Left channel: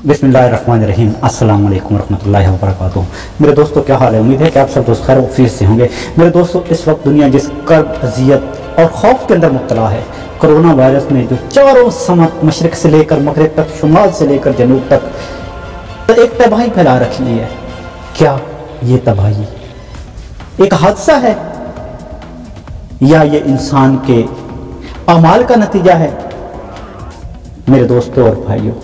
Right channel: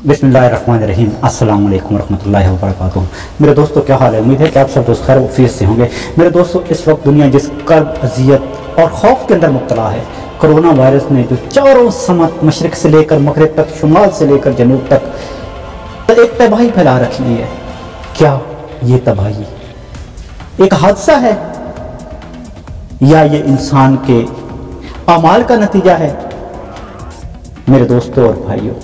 बिस्मिल्लाहिर्रहमानिर्रहीम। अस्सलाम वालेकुम रहमतुल्लाहि व बरकातुहू। मेरे दोस्तों क्या हाल है? उम्मीद है कि आप सब दोस्त खैर वफीस से होंगे। मेरे दोस्तों, इस वक्त दुनिया जिस कर्ब, अजियत और खौफ के अंदर मुब्तला है, कोरोना वायरस ने जो चारों समत मशरिक से लेकर मगरिब तक, शुमाल से लेकर जनूब तक तो एक तबाही फैला रखी है। क्या ये तबाही एक हादसा है या ये इंसान के अमाल का नतीजा है? मेरे दोस्तों और भाइयों,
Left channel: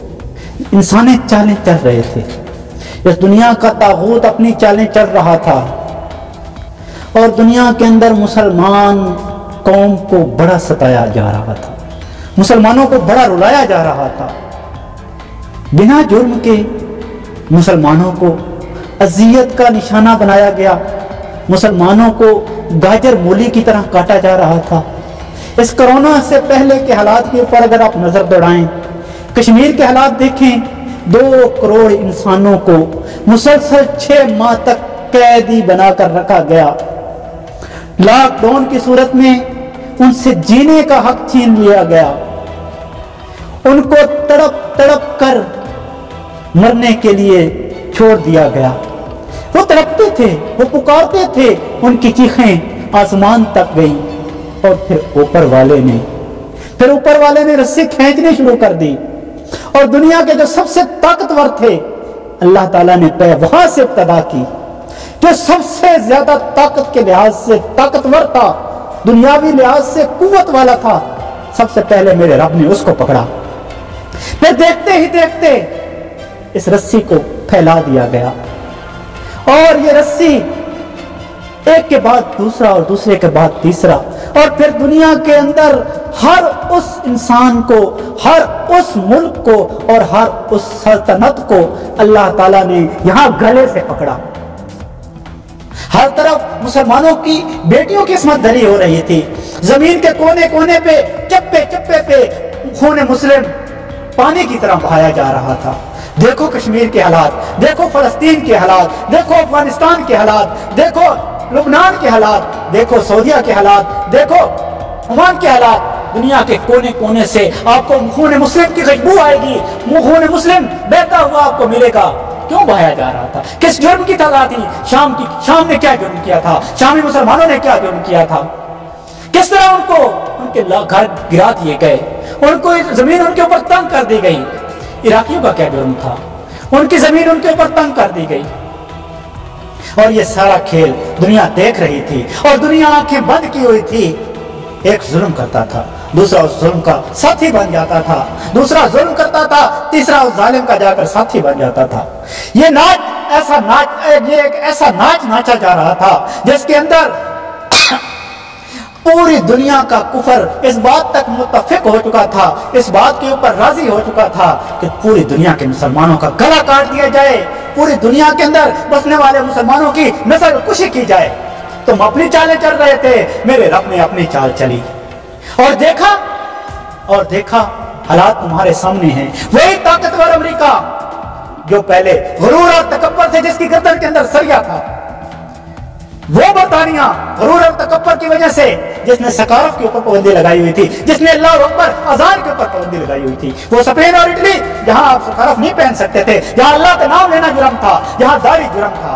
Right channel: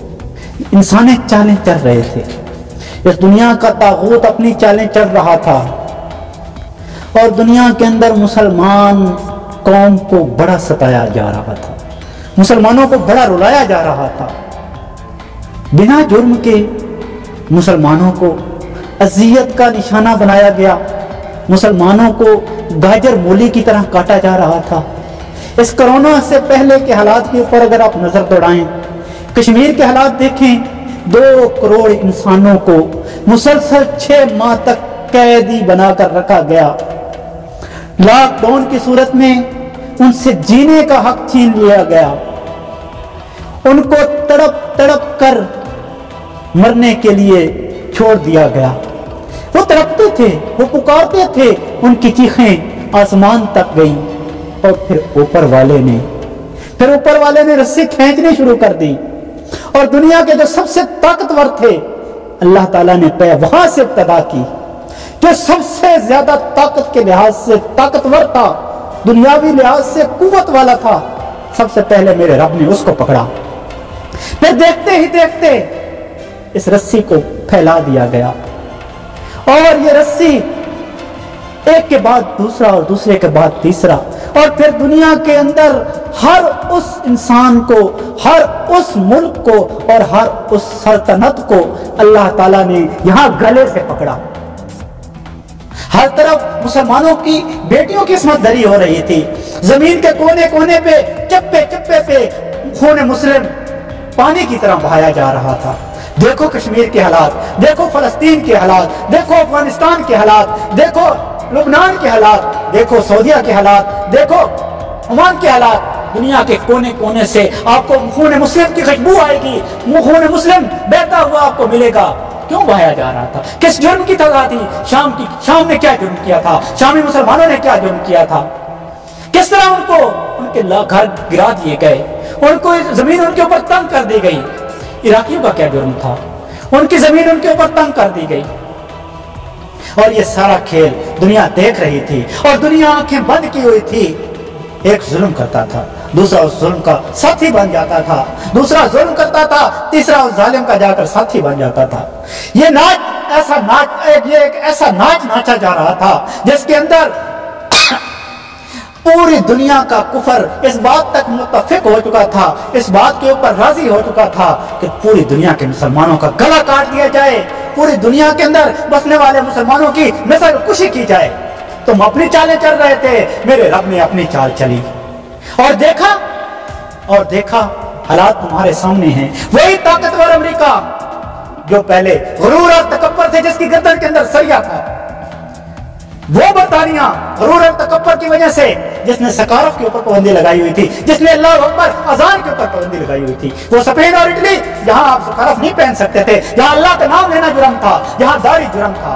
इंसाने चालें चल रहे थे, इस दुनिया का तागूत अपनी चालें चल रहा था और दुनिया के अंदर मुसलमान कौम को बड़ा सताया जा रहा था, मुसलमानों को बड़ा रुलाया जा रहा था। बिना जुर्म के मुसलमानों को अजियत का निशाना बनाया गया, मुसलमानों को गाजर मूली की तरह काटा जा रहा था। इस कोरोना से पहले के हालात के ऊपर अगर आप नजर दौड़ाएं, कश्मीर के हालात देखें, 2 करोड़ इंसानों को मुसलसल 6 माह तक कैदी बनाकर रखा गया। लॉकडाउन की सूरत में उनसे जीने का हक छीन लिया गया, उनको तड़प तड़प कर मरने के लिए छोड़ दिया गया। वो तड़पते थे, वो पुकारते थे, उनकी चीखें आसमान तक गई और फिर ऊपर वाले ने रस्सी खींचनी शुरू कर दी और दुनिया के जो सबसे ताकतवर थे, अल्लाह ताला ने वहां से इब्तदा की। जो सबसे ज्यादा ताकत के लिहाज से ताकतवर था, दुनियावी लिहाज से कुव्वत वाला था, सबसे पहले मेरे रब ने उसको पकड़ा। फिर देखते ही देखते इस रस्सी को फैला दिया गया और ये रस्सी एक के बाद दूसरा और दूसरे के बाद तीसरा, और फिर दुनिया के अंदर हर उस इंसान को, हर उस मुल्क को और हर उस सल्तनत को अल्लाह ताला ने यहां गले से पकड़ा। हर तरफ मुसलमानों की बेटियों की इस्मत दरी हो रही थी। जमीन के कोने कोने पे, चप्पे चप्पे पे खून मुस्लिम पानी की तरह बहाया जा रहा था। देखो कश्मीर के हालात, देखो फलस्तीन के हालात, देखो अफगानिस्तान के हालात, देखो लुबनान के हालात, देखो सऊदीया के हालात, देखो ओमान के हालात। दुनिया के कोने कोने से आपको खून मुस्लिम की खुशबू आएगी, खून मुस्लिम बहता हुआ आपको मिलेगा। क्यों बहाया जा रहा था? किस जुर्म की सजा थी? शाम ने क्या जुर्म किया था? शामी मुसलमानों ने क्या जुर्म किया था? किस तरह उनको उनके घर गिरा दिए गए, उनको जमीन उनके ऊपर तंग कर दी गई। इराकियों का क्या जुर्म था? उनकी जमीन उनके ऊपर तंग कर दी गई और ये सारा खेल दुनिया देख रही थी और दुनिया आंखें बंद की हुई थी। एक जुल्म करता था, दूसरा उस जुल्म का साथी बन जाता था, दूसरा जुल्म करता था, तीसरा उस जालिम का जाकर साथी बन जाता था। ये एक ऐसा नाच नाचा जा रहा था जिसके अंदर पूरी दुनिया का कुफर इस बात तक मुत्तफिक हो चुका था, इस बात के ऊपर राजी हो चुका था कि पूरी दुनिया के मुसलमानों का गला काट दिया जाए, पूरी दुनिया के अंदर बसने वाले मुसलमानों की नस्ल कुशी की जाए। तुम अपनी चालें चल रहे थे, मेरे रब ने अपनी चाल चली और देखा हालात तुम्हारे सामने हैं। वही ताकतवर अमेरिका जो पहले गुरूर और तकब्बर थे, जिसकी गर्दन के अंदर सरिया था, वो बरतानिया गुरूर और तकब्बर की वजह से जिसने सकाराफ के ऊपर पाबंदी लगाई हुई थी, जिसने अल्लाह अकबर अजान के ऊपर पाबंदी लगाई हुई थी, वो स्पेन और इटली जहां आप सकाराफ नहीं पहन सकते थे, जहां अल्लाह का नाम लेना जुर्म था, जहां दाढ़ी जुर्म था,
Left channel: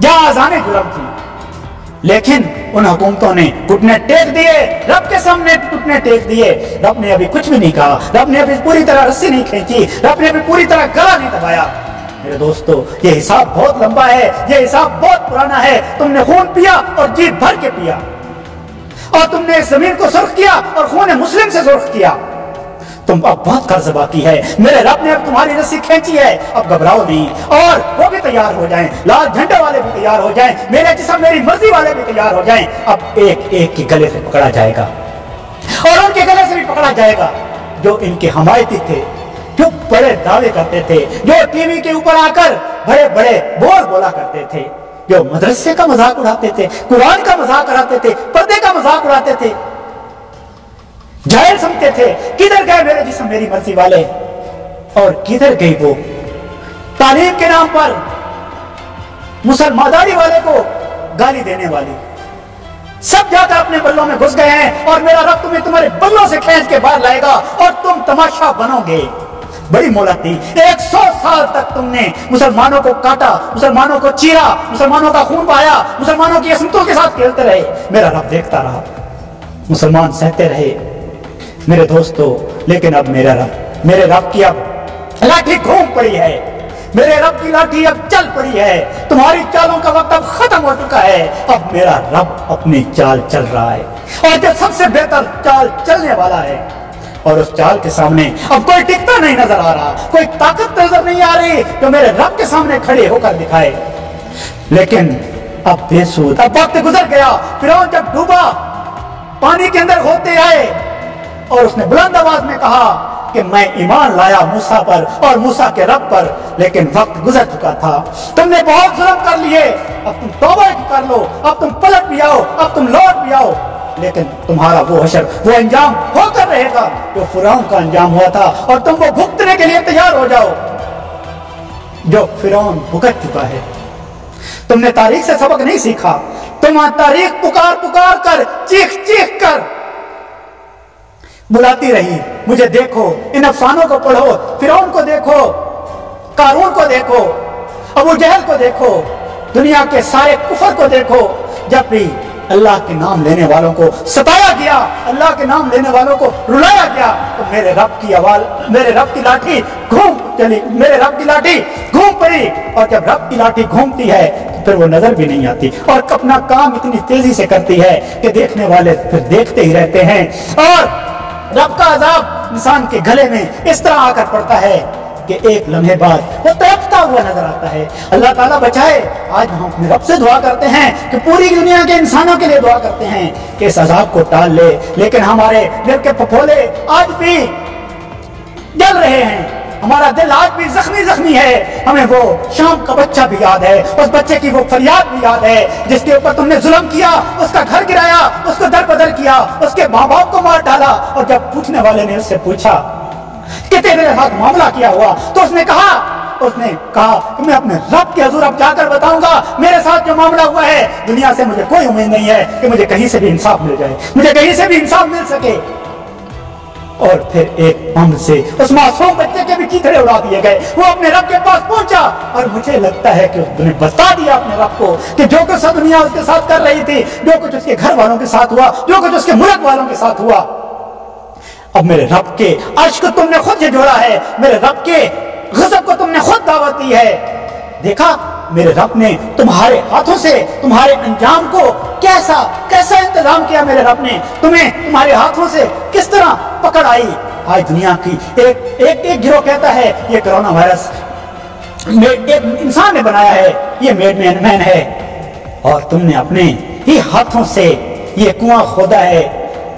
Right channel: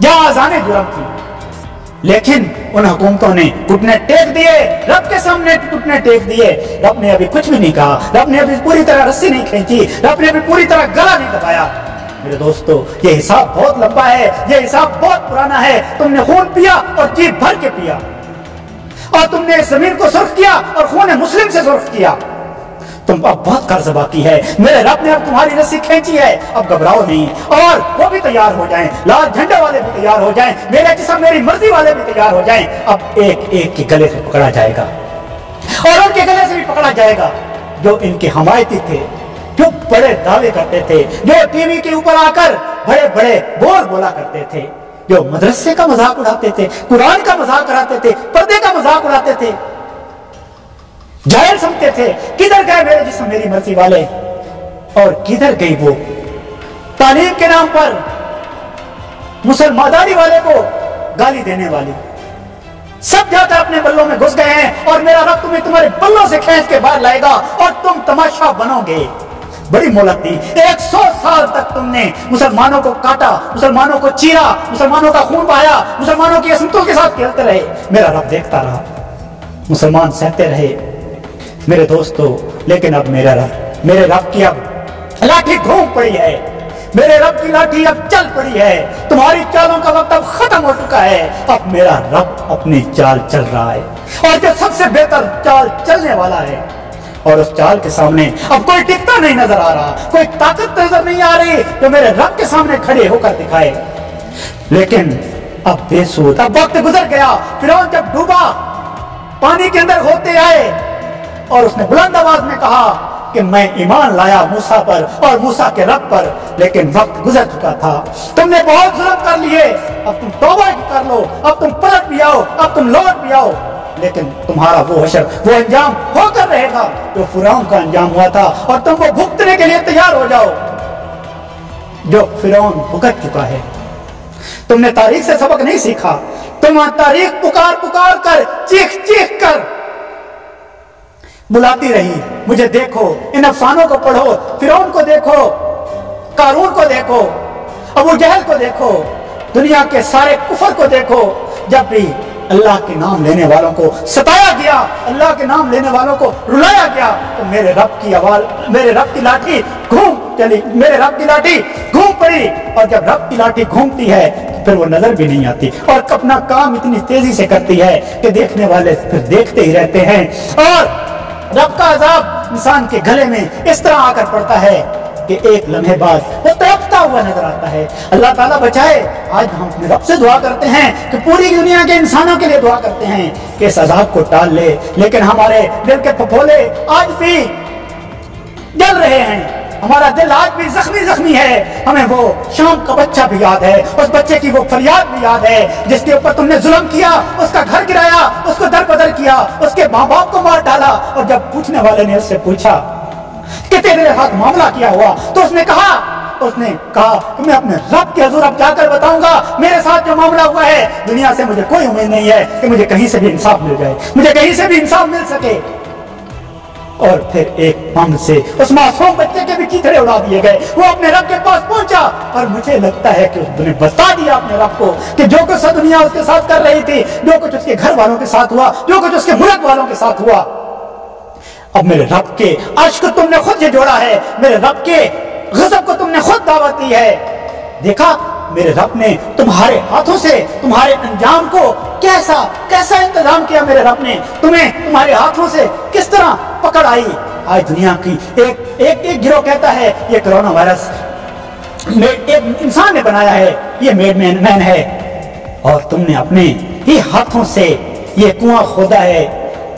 जहां अजानें जुर्म थी, लेकिन उन हुकूमतों ने घुटने टेक दिए, रब के सामने घुटने टेक दिए। रब ने अभी कुछ भी नहीं कहा, रब ने अभी पूरी तरह रस्सी नहीं खींची, रब ने अभी पूरी तरह गला नहीं दबाया। मेरे दोस्तों, ये हिसाब बहुत लंबा है, ये हिसाब बहुत पुराना है। तुमने खून पिया और जी भर के पिया और तुमने इस जमीन को सुर्ख किया और खून मुस्लिम से सुर्ख किया। तुम अब बहुत कर्ज बाकी है, मेरे रब ने अब तुम्हारी रस्सी खींची है, अब घबराओ नहीं। और वो भी तैयार हो जाएं, लाल झंडे वाले भी तैयार हो जाएं, मेरे जिस्म मेरी मर्जी वाले भी तैयार हो जाएं। अब एक एक के गले से पकड़ा जाएगा और उनके गले से भी पकड़ा जाएगा जो इनके हमायती थे, जो बड़े दावे करते थे, जो टीवी के ऊपर आकर बड़े बड़े बोल बोला करते थे, जो मदरसे का मजाक उड़ाते थे, कुरान का मजाक उड़ाते थे, पर्दे का मजाक उड़ाते थे, जाहिल समझते थे। किधर गए मेरे जिस्म मेरी मर्जी वाले और किधर गई वो तालीम के नाम पर मुसलमान दाढ़ी वाले को गाली देने वाली? सब जाकर अपने बल्लों में घुस गए हैं और मेरा रब तुम्हें तुम्हारे बल्लों से खींच के बाहर लाएगा और तुम तमाशा बनोगे। बड़ी मोहलत दी। 100 साल तक तुमने मुसलमानों को काटा, मुसलमानों को चीरा, मुसलमानों का खून बहाया, मुसलमानों की असमतों के साथ खेलते रहे। मेरा रब देखता रहा, मुसलमान सहते रहे मेरे दोस्तों। लेकिन अब मेरे रब की अब लाठी घूम पड़ी है, मेरे रब की लाठी अब चल पड़ी है। तुम्हारी चालों का वक्त अब खत्म हो चुका है। अब मेरा रब अपनी चाल चल रहा है, और जो सबसे बेहतर चाल चलने वाला है, और उस चाल के सामने अब कोई टिकता नहीं नजर आ रहा, कोई ताकत नजर नहीं आ रही जो मेरे रब के सामने खड़े होकर दिखाए। लेकिन अब बेसूद, अब वक्त गुजर गया। फिरौन जब डूबा, पानी के अंदर होते आए, और उसने बुलंद आवाज में कहा कि मैं ईमान लाया मूसा पर और मूसा के रब पर, लेकिन वक्त गुजर चुका था। तुमने बहुत जुल्म कर लिए, अब तुम तौबा कर लो, अब तुम पलट भी आओ, अब तुम लौट भी आओ। लेकिन तुम्हारा वो हशर, वो अंजाम होकर रहेगा जो फिरौन का अंजाम हुआ था, और तुम वो भुगतने के लिए तैयार हो जाओ जो फिरौन भुगत चुका है। तुमने तारीख से सबक नहीं सीखा, तुम तारीख पुकार पुकार कर, चीख चीख कर बुलाती रही, मुझे देखो, इन अफसानों को पढ़ो, फिरौन को देखो, कारून को देखो, अबू जहल को देखो, दुनिया के सारे कुफर को देखो। जब भी अल्लाह के नाम लेने वालों को सताया गया, अल्लाह के नाम लेने वालों को रुलाया गया, तो मेरे रब की आवाज, मेरे रब की लाठी घूम चली, मेरे रब की लाठी घूम पड़ी। और जब रब की लाठी घूमती है तो फिर वो नजर भी नहीं आती, और अपना काम इतनी तेजी से करती है कि देखने वाले फिर देखते ही रहते हैं। और रब का अजाब इंसान के गले में इस तरह आकर पड़ता है कि एक लम्हे बाद वो तड़पता हुआ नजर आता है। अल्लाह ताला बचाए। आज हम अपने रब से दुआ करते हैं कि पूरी दुनिया के इंसानों के लिए दुआ करते हैं कि इस अजाब को टाल ले, लेकिन हमारे दिल के फफोले आज भी जल रहे हैं, हमारा दिल आज भी जख्मी जख्मी है। हमें वो शाम का बच्चा भी याद है, उस बच्चे की वो फरियाद भी याद है जिसके ऊपर तुमने जुल्म किया, उसका घर गिराया, उसको दरबदर किया, उसके माँ बाप को मार डाला। और जब पूछने वाले ने उससे पूछा कि तेरे साथ मामला किया हुआ, तो उसने कहा कि मैं अपने रब के हुजूर अब जाकर बताऊंगा मेरे साथ जो मामला हुआ है। दुनिया से मुझे कोई उम्मीद नहीं है कि मुझे कहीं से भी इंसाफ मिल जाए, मुझे कहीं से भी इंसाफ मिल सके। और फिर एक बम से उस मासूम बच्चे के भी चीथड़े उड़ा दिए गए। वो अपने रब के पास पहुंचा, और मुझे लगता है कि उसने बता दिया अपने रब को कि जो कुछ दुनिया उसके साथ कर रही थी, जो कुछ उसके घर वालों के साथ हुआ, जो कुछ उसके मुल्क वालों के साथ हुआ, अब मेरे रब के अर्श को तुमने खुद जोड़ा है, मेरे रब के गज़ब को तुमने खुद दावत दी है। देखा मेरे रब ने तुम्हारे हाथों से तुम्हारे अंजाम को कैसा इंतजाम किया। मेरे रब ने तुम्हें तुम्हारे हाथों से किस तरह पकड़ आई। आज दुनिया की एक गिरोह कहता है ये कोरोना वायरस एक इंसान ने बनाया है, ये मेड मैन है, और तुमने अपने ही हाथों से ये कुआं खोदा है,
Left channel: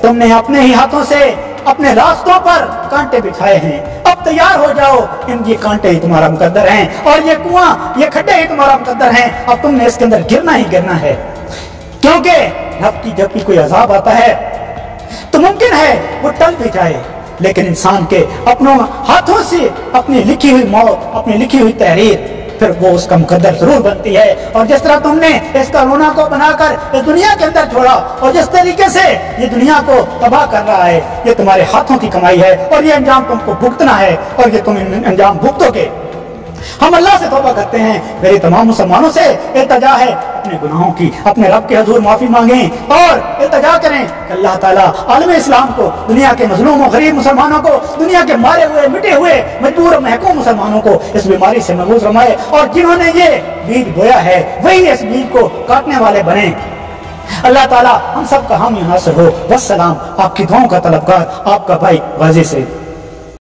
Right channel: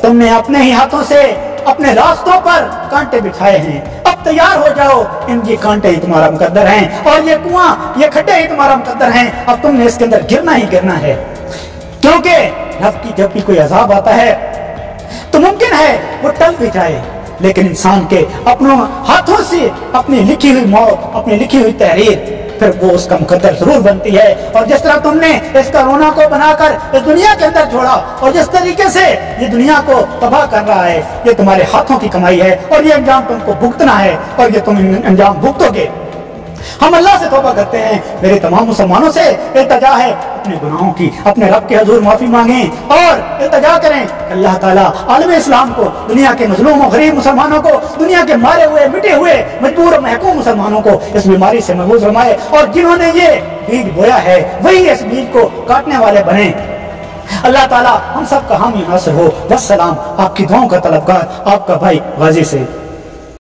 तुमने अपने ही हाथों से अपने रास्तों पर कांटे बिछाए हैं। अब तैयार हो जाओ, ये कांटे ही तुम्हारा मुकद्दर हैं, और ये कुआं, ये खड्डे ही तुम्हारा मुकद्दर हैं। अब तुमने इसके अंदर गिरना ही गिरना है, क्योंकि रब की जब भी कोई अजाब आता है तो मुमकिन है वो टल भी जाए, लेकिन इंसान के अपनों हाथों से अपनी लिखी हुई मौत, अपनी लिखी हुई तहरीर फिर वो उसका मुकद्दर जरूर बनती है। और जिस तरह तुमने इस कोरोना को बनाकर इस दुनिया के अंदर छोड़ा, और जिस तरीके से ये दुनिया को तबाह कर रहा है, ये तुम्हारे हाथों की कमाई है, और ये अंजाम तुमको भुगतना है, और ये तुम अंजाम भुगतोगे। हम अल्लाह से तौबा करते हैं, मेरे तमाम मुसलमानों से इल्तिजा है अपने गुनाहों की, अपने रब के हुजूर माफी मांगें, और इल्तिजा करें कि अल्लाह ताला आलम इस्लाम को, दुनिया के मजलूम और गरीब मुसलमानों को, दुनिया के मारे हुए, मिटे हुए, मजबूर और महकूम मुसलमानों को इस बीमारी से महफूज फरमाए, और जिन्होंने ये बीज बोया है वही इस बीज को काटने वाले बने। अल्लाह ताला हम सब का हामी नासिर हो। वस्सलाम। आपकी दुआओं का तलबगार आपका भाई गाजी से।